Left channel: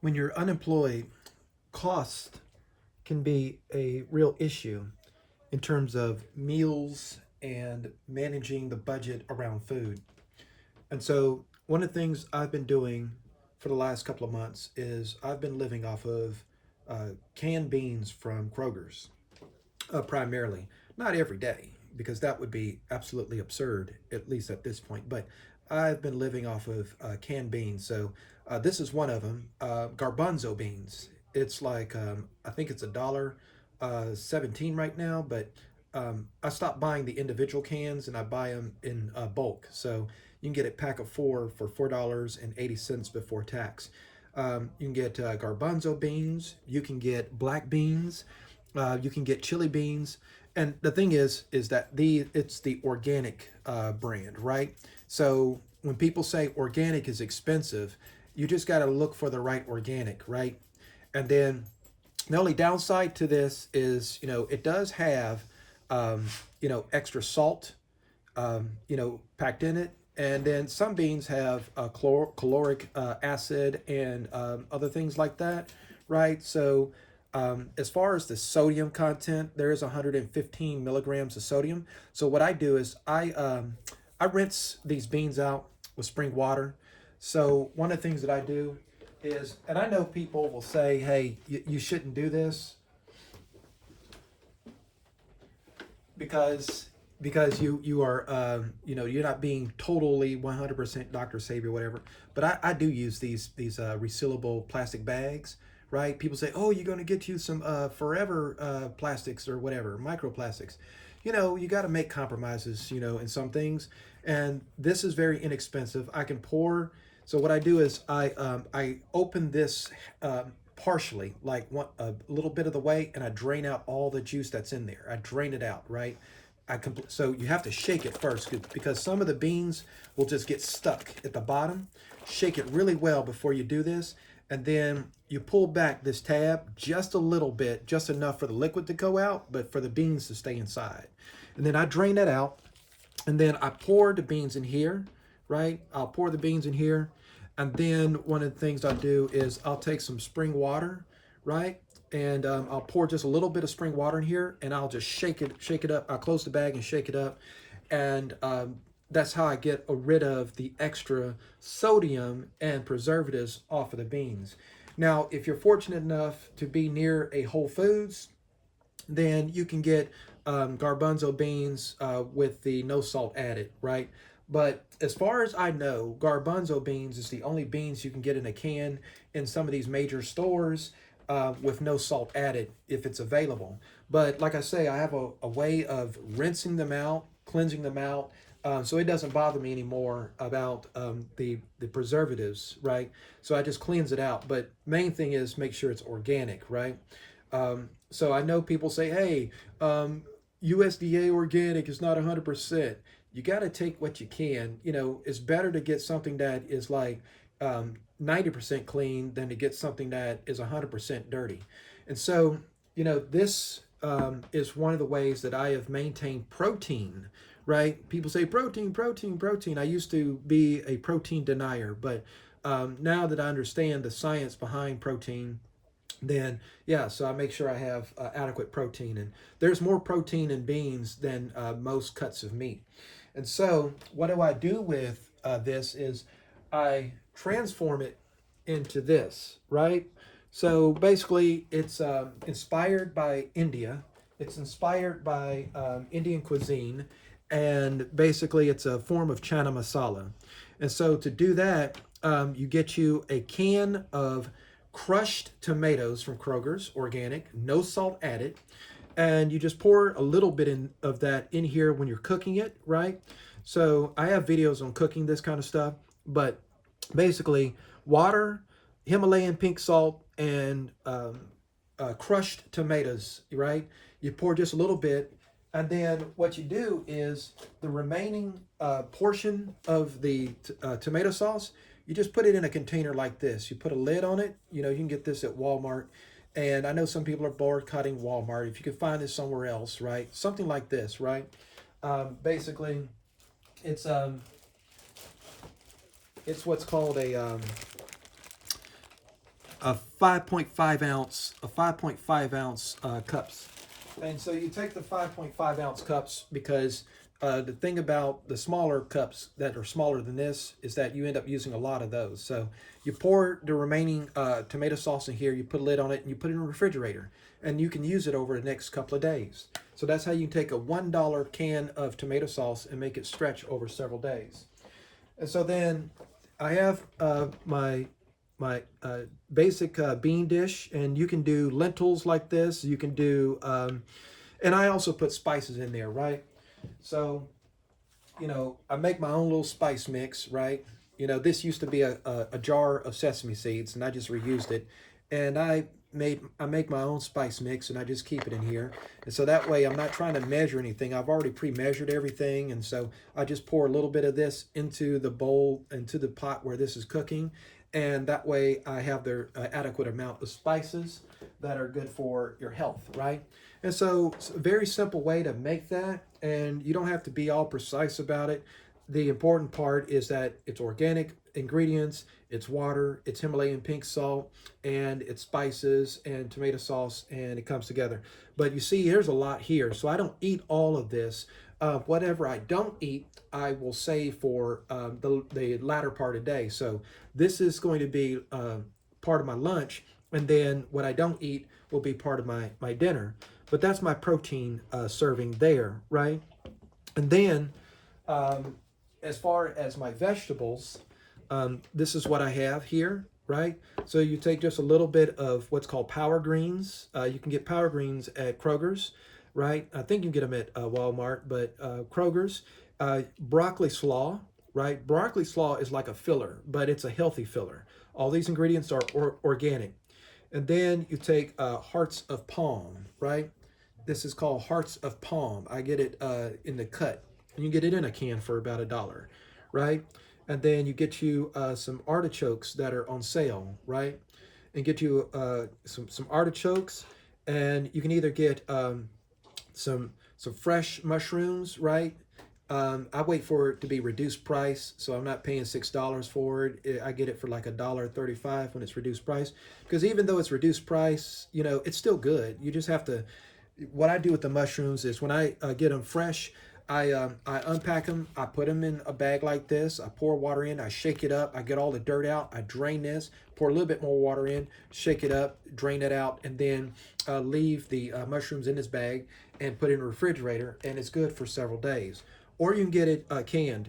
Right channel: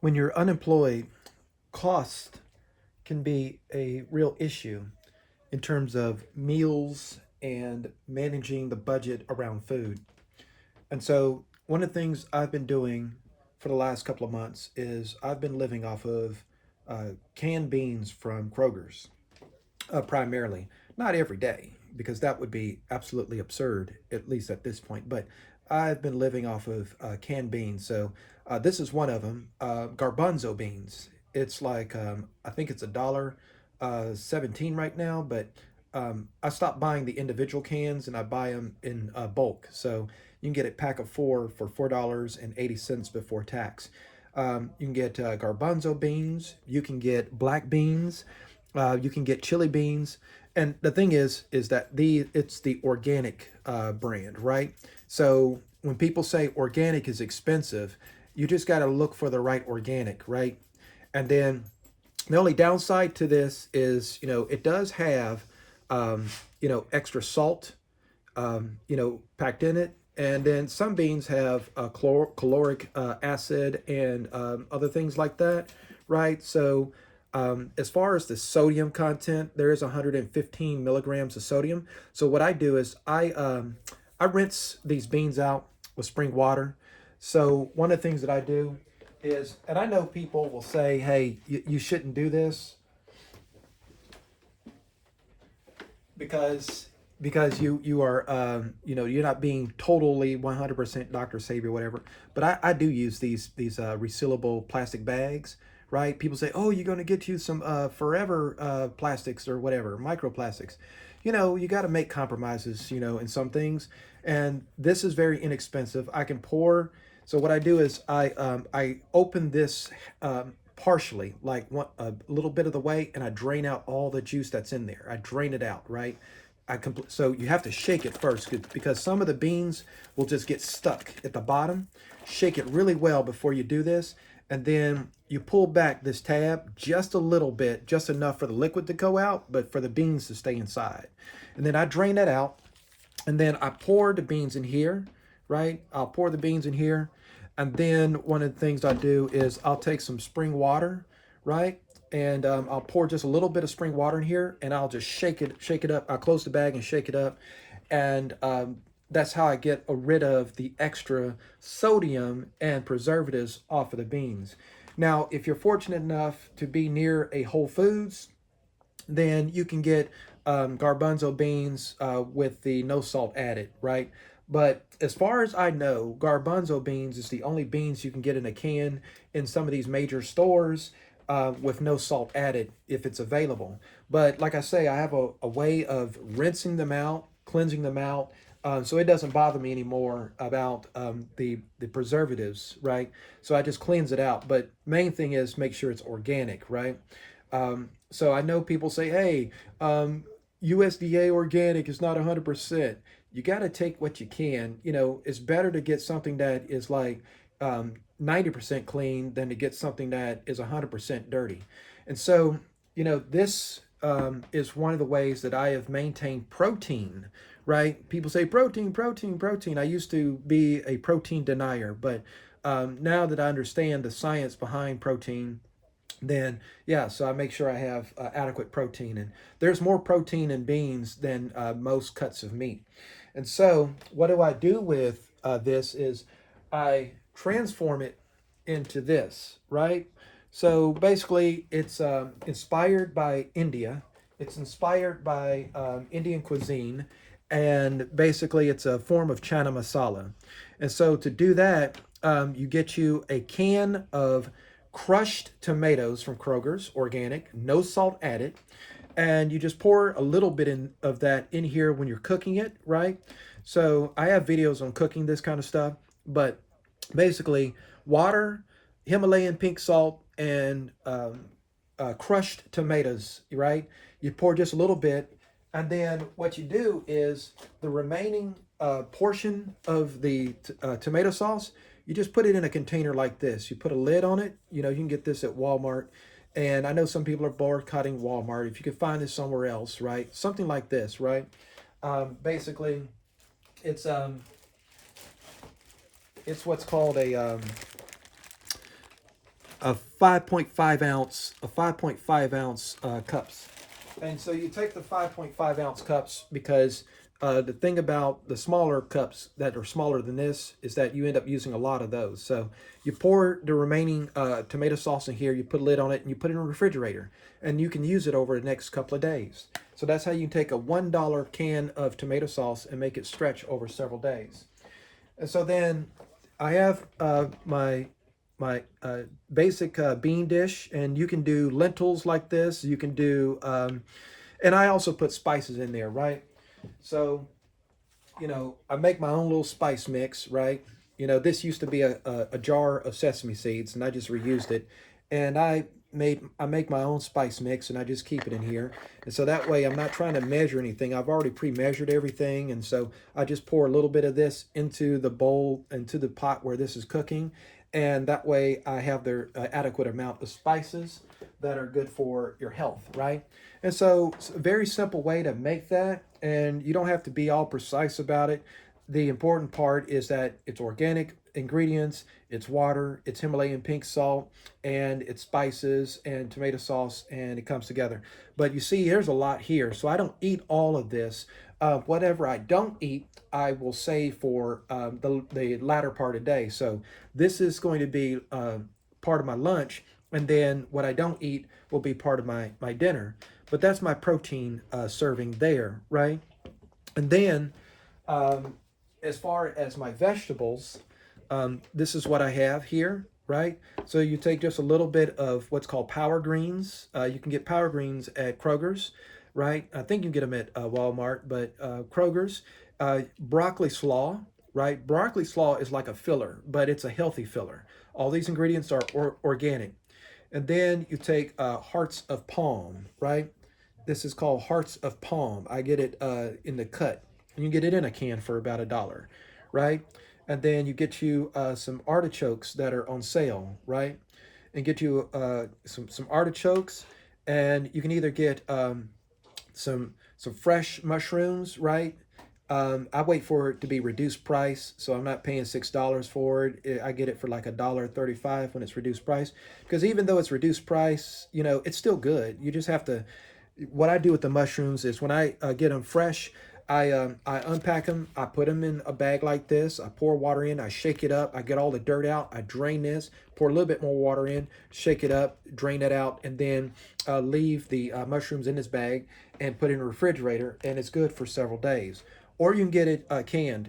when you're unemployed, cost can be a real issue in terms of meals and managing the budget around food. And so, one of the things I've been doing for the last couple of months is I've been living off of canned beans from Kroger's, primarily. Not every day, because that would be absolutely absurd, at least at this point. But I've been living off of canned beans. So this is one of them, Garbanzo beans. It's like I think it's $1.17 right now, but I stopped buying the individual cans and I buy them in bulk. So you can get a pack of four for $4.80 before tax. You can get garbanzo beans. You can get black beans. You can get chili beans. And the thing is that it's the organic brand, right? So when people say organic is expensive, you just got to look for the right organic, right? And then the only downside to this is, it does have, extra salt, packed in it. And then some beans have caloric acid and other things like that, right? So, as far as the sodium content, there is 115 milligrams of sodium. So what I do is I rinse these beans out with spring water. So one of the things that I do is, and I know people will say, "Hey, you shouldn't do this because you are you're not being totally 100% Dr. Savior, whatever." But I do use these resealable plastic bags, right? People say, "Oh, you're going to get you some forever plastics or whatever, microplastics." You got to make compromises, in some things, and this is very inexpensive. I can pour. So what I do is I open this partially, like a little bit of the way, and I drain out all the juice that's in there. I drain it out, right? So you have to shake it first because some of the beans will just get stuck at the bottom. Shake it really well before you do this, and then you pull back this tab just a little bit, just enough for the liquid to go out, but for the beans to stay inside. And then I drain that out, and then I pour the beans in here, right? I'll pour the beans in here, and then one of the things I do is I'll take some spring water, right? And I'll pour just a little bit of spring water in here, and I'll just shake it up. I'll close the bag and shake it up, and that's how I get rid of the extra sodium and preservatives off of the beans. Now, if you're fortunate enough to be near a Whole Foods, then you can get garbanzo beans with the no salt added, right? But as far as I know, garbanzo beans is the only beans you can get in a can in some of these major stores with no salt added if it's available. But like I say, I have a way of rinsing them out, cleansing them out, so it doesn't bother me anymore about the preservatives, right? So I just cleanse it out. But main thing is make sure it's organic, right? So I know people say, "Hey, USDA organic is not 100%." You got to take what you can. It's better to get something that is like 90% clean than to get something that is 100% dirty. And so, this is one of the ways that I have maintained protein, right? People say protein, protein, protein. I used to be a protein denier, but now that I understand the science behind protein, then yeah, so I make sure I have adequate protein, and there's more protein in beans than most cuts of meat. And so what do I do with this is I transform it into this, right? So basically it's inspired by India. It's inspired by Indian cuisine, and basically it's a form of Channa masala. And so to do that, you get you a can of crushed tomatoes from Kroger's, organic, no salt added, and you just pour a little bit of that in here when you're cooking it, right? So I have videos on cooking this kind of stuff, but basically water, Himalayan pink salt, and crushed tomatoes, right? You pour just a little bit, and then what you do is the remaining portion of the tomato sauce, you just put it in a container like this. You put a lid on it. You can get this at Walmart. And I know some people are boycotting Walmart. If you could find this somewhere else, right? Something like this, right? Basically, it's it's what's called a a 5.5 ounce cups. And so you take the 5.5 ounce cups because the thing about the smaller cups that are smaller than this is that you end up using a lot of those. So you pour the remaining tomato sauce in here, you put a lid on it, and you put it in the refrigerator. And you can use it over the next couple of days. So that's how you can take a $1 can of tomato sauce and make it stretch over several days. And so then I have my basic bean dish, and you can do lentils like this. You can do, and I also put spices in there, right? So, I make my own little spice mix, right? This used to be a jar of sesame seeds, and I just reused it. And I make my own spice mix, and I just keep it in here. And so that way I'm not trying to measure anything. I've already pre-measured everything, and so I just pour a little bit of this into the bowl, into the pot where this is cooking, and that way I have the adequate amount of spices that are good for your health, right? And so it's a very simple way to make that, and you don't have to be all precise about it. The important part is that it's organic ingredients, it's water, it's Himalayan pink salt, and it's spices and tomato sauce, and it comes together. But you see, there's a lot here, so I don't eat all of this. Whatever I don't eat, I will save for the latter part of the day. So this is going to be part of my lunch, and then what I don't eat will be part of my dinner. But that's my protein serving there, right? And then um, as far as my vegetables, this is what I have here, right? So you take just a little bit of what's called power greens. You can get power greens at Kroger's, right? I think you can get them at Walmart, but Kroger's. Broccoli slaw, right? Broccoli slaw is like a filler, but it's a healthy filler. All these ingredients are organic. And then you take hearts of palm, right? This is called hearts of palm. I get it in the cut. You can get it in a can for about $1, right? And then you get you some artichokes that are on sale, right? And get you some artichokes, and you can either get some fresh mushrooms, right? I wait for it to be reduced price, so I'm not paying $6 for it. I get it for like $1.35 when it's reduced price. Because even though it's reduced price, it's still good. You just have to. What I do with the mushrooms is when I get them fresh, I unpack them. I put them in a bag like this. I pour water in. I shake it up. I get all the dirt out. I drain this. Pour a little bit more water in. Shake it up. Drain it out, and then leave the mushrooms in this bag and put it in the refrigerator. And it's good for several days. Or you can get it canned.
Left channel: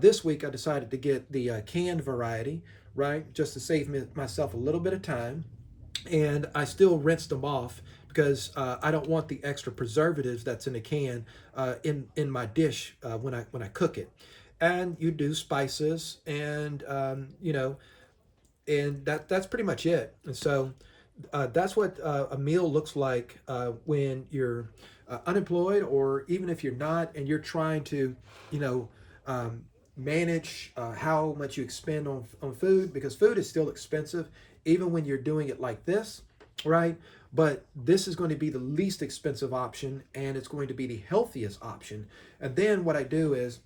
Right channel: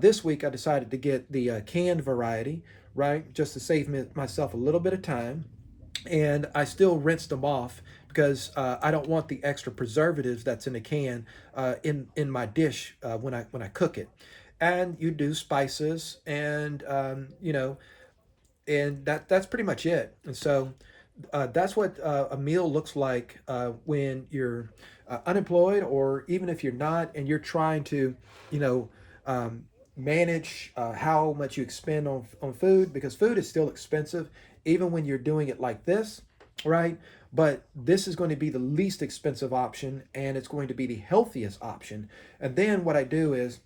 This week I decided to get the canned variety, right, just to save myself a little bit of time. And I still rinsed them off because I don't want the extra preservatives that's in the can in my dish when I cook it. And you do spices, and and that's pretty much it. And so that's what a meal looks like when you're unemployed, or even if you're not, and you're trying to, you know, um, manage how much you expend on food, because food is still expensive, even when you're doing it like this, right? But this is going to be the least expensive option, and it's going to be the healthiest option. And then what I do is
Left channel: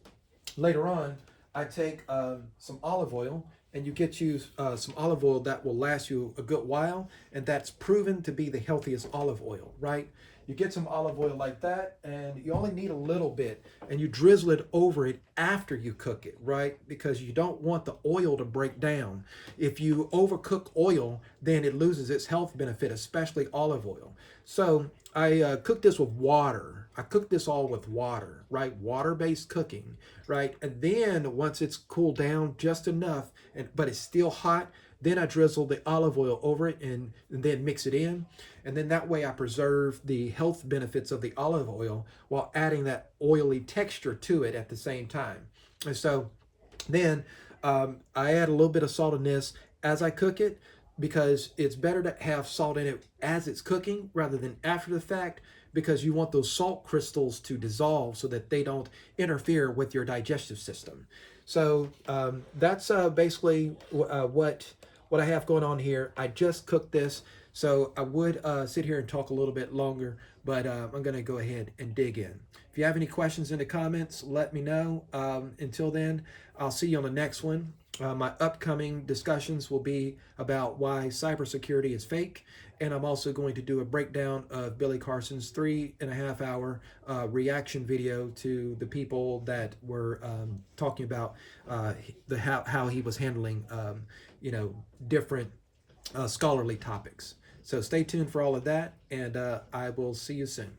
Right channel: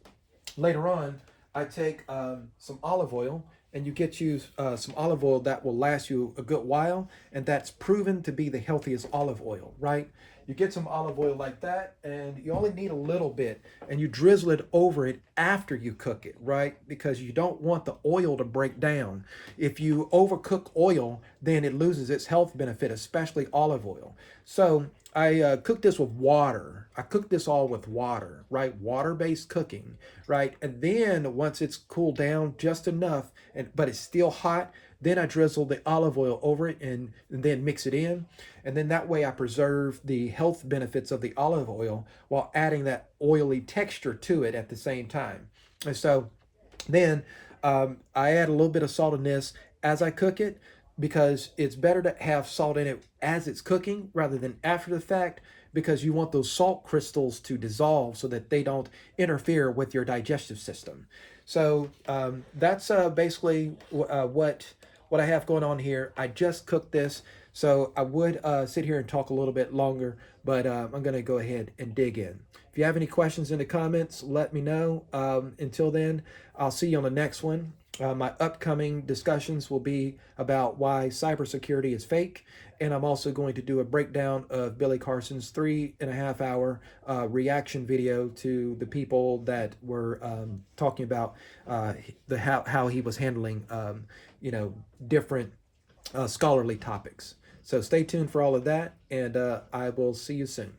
later on, I take some olive oil, and you get you some olive oil that will last you a good while, and that's proven to be the healthiest olive oil, right? You get some olive oil like that, and you only need a little bit, and you drizzle it over it after you cook it, right? Because you don't want the oil to break down. If you overcook oil, then it loses its health benefit, especially olive oil. So I cook this with water. I cook this all with water, right? Water-based cooking, right? And then once it's cooled down just enough, but it's still hot, then I drizzle the olive oil over it, and then mix it in. And then that way I preserve the health benefits of the olive oil while adding that oily texture to it at the same time. And so then I add a little bit of salt in this as I cook it, because it's better to have salt in it as it's cooking rather than after the fact, because you want those salt crystals to dissolve so that they don't interfere with your digestive system. So that's basically what I have going on here. I just cooked this, so I would sit here and talk a little bit longer, but I'm going to go ahead and dig in. If you have any questions in the comments, let me know. Until then, I'll see you on the next one. My upcoming discussions will be about why cybersecurity is fake, and I'm also going to do a breakdown of Billy Carson's 3.5 hour reaction video to the people that were talking about how he was handling different scholarly topics. So stay tuned for all of that, and I will see you soon.